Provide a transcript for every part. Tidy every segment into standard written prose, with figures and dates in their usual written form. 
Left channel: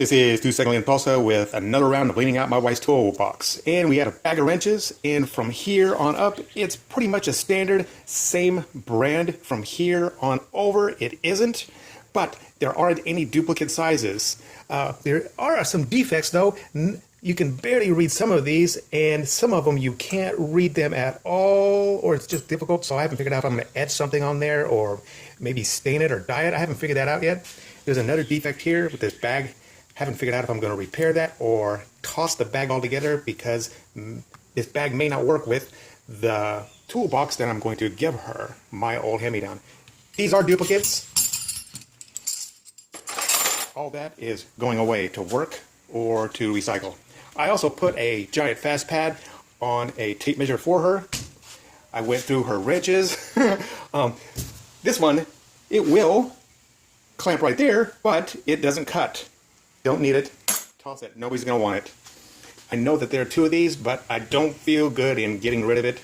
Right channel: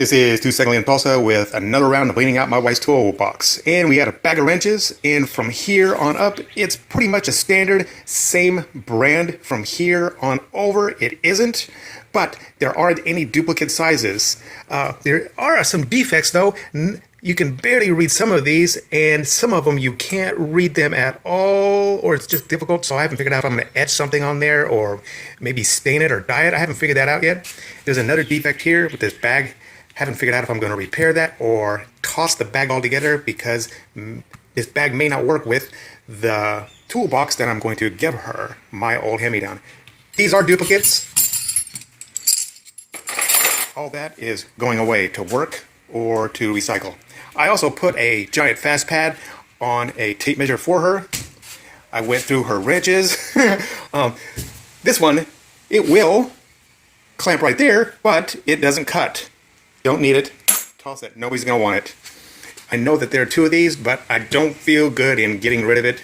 This is Socializing in Tulsa with another round of cleaning out my wife's toolbox. And we had a bag of wrenches, and from here on up, it's pretty much a standard, same brand. From here on over, it isn't, but there aren't any duplicate sizes. There are some defects though. You can barely read some of these, and some of them you can't read them at all, or it's just difficult. So I haven't figured out if I'm going to etch something on there or maybe stain it or dye it. I haven't figured that out yet. There's another defect here with this bag. Haven't figured out if I'm going to repair that or toss the bag altogether, because this bag may not work with the toolbox that I'm going to give her, my old hand-me-down. These are duplicates. All that is going away to work or to recycle. I also put a giant fast pad on a tape measure for her. I went through her wrenches. This one, it will clamp right there, but it doesn't cut. Don't need it. Toss it. Nobody's going to want it. I know that there are two of these, but I don't feel good in getting rid of it,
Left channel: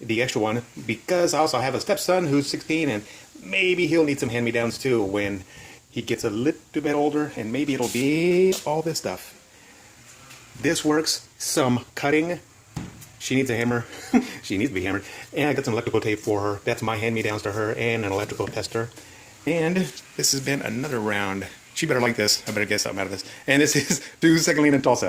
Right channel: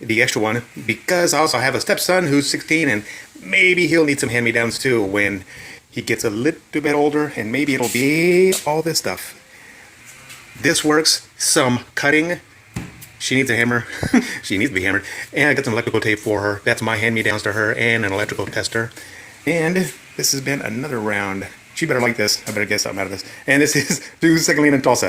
the extra one, because I also have a stepson who's 16, and maybe he'll need some hand-me-downs too when he gets a little bit older, and maybe it'll be all this stuff. This works. Some cutting. She needs a hammer. She needs to be hammered. And I got some electrical tape for her. That's my hand-me-downs to her, and an electrical tester. And this has been another round. She better like this. I better get something out of this. And this is Socializing in Tulsa.